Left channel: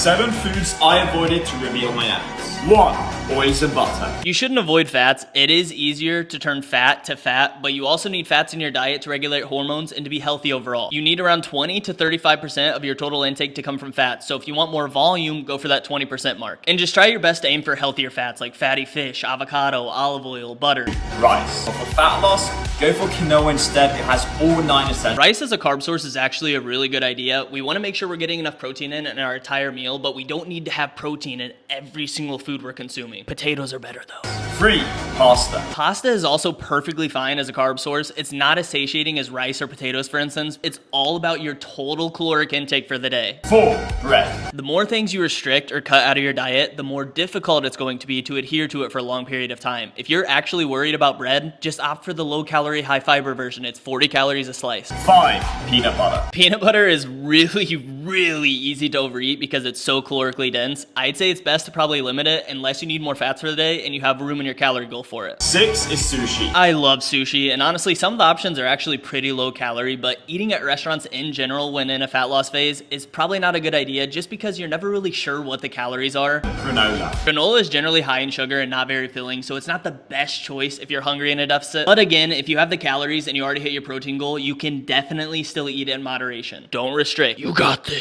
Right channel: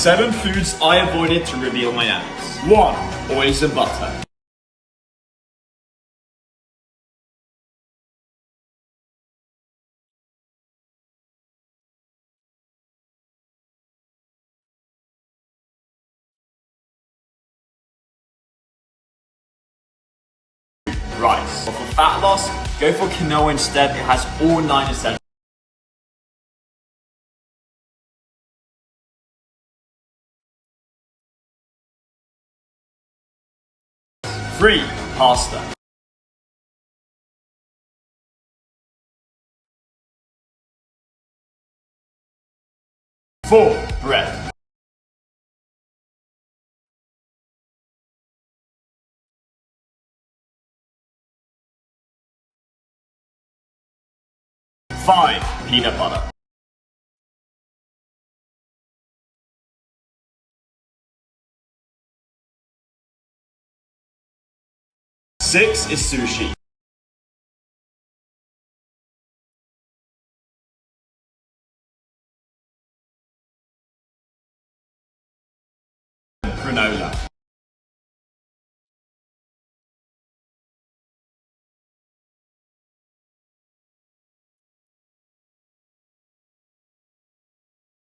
7 foods I avoided to reveal my ends. 1. Oils and butter. You shouldn't avoid fats. It is easier to turn fat to fat, but you also need fats in your diet to regulate hormones and to be healthy overall. You need around 20 to 35% of your total intake to come from fats. So if you want more volume, go for that 20% mark. And just try your best to aim for healthier fats like fatty fish, avocado, olive oil, butter. Rice. But for fat loss, go for quinoa instead. It has all 9 essentials. Rice as a carb source is actually a really good idea. We want to make sure we're getting enough protein in our entire meal, but we don't need to have protein in every single food we're consuming. Potatoes are better though. 3. Pasta. Pasta is also perfectly fine as a carb source. It's not as satiating as rice or potatoes, for instance. It's all about your total caloric intake for the day. 4. Bread. The more things you restrict or cut out of your diet, the more difficult it's going to be to adhere to it for a long period of time. If you're actually worried about bread, just opt for the low-calorie, high-fiber version. It's 40 calories a slice. 5. Peanut butter. Peanut butter is really easy to overeat because it's so calorically dense. I'd say it's best to probably limit it unless you need more fats for the day and you have room in your calorie goal for it. 6 is sushi. I love sushi, and honestly, some of the options are actually pretty low calorie, but eating at restaurants in general when in a fat loss phase is probably not a good idea just because you're never really sure what the calories are. Granola. Granola is generally high in sugar and not very filling, so it's not the best choice if you're hungry in a deficit. But again, if you have the calories and you already hit your protein goal, you can definitely still eat it in moderation. Don't restrict. You got this.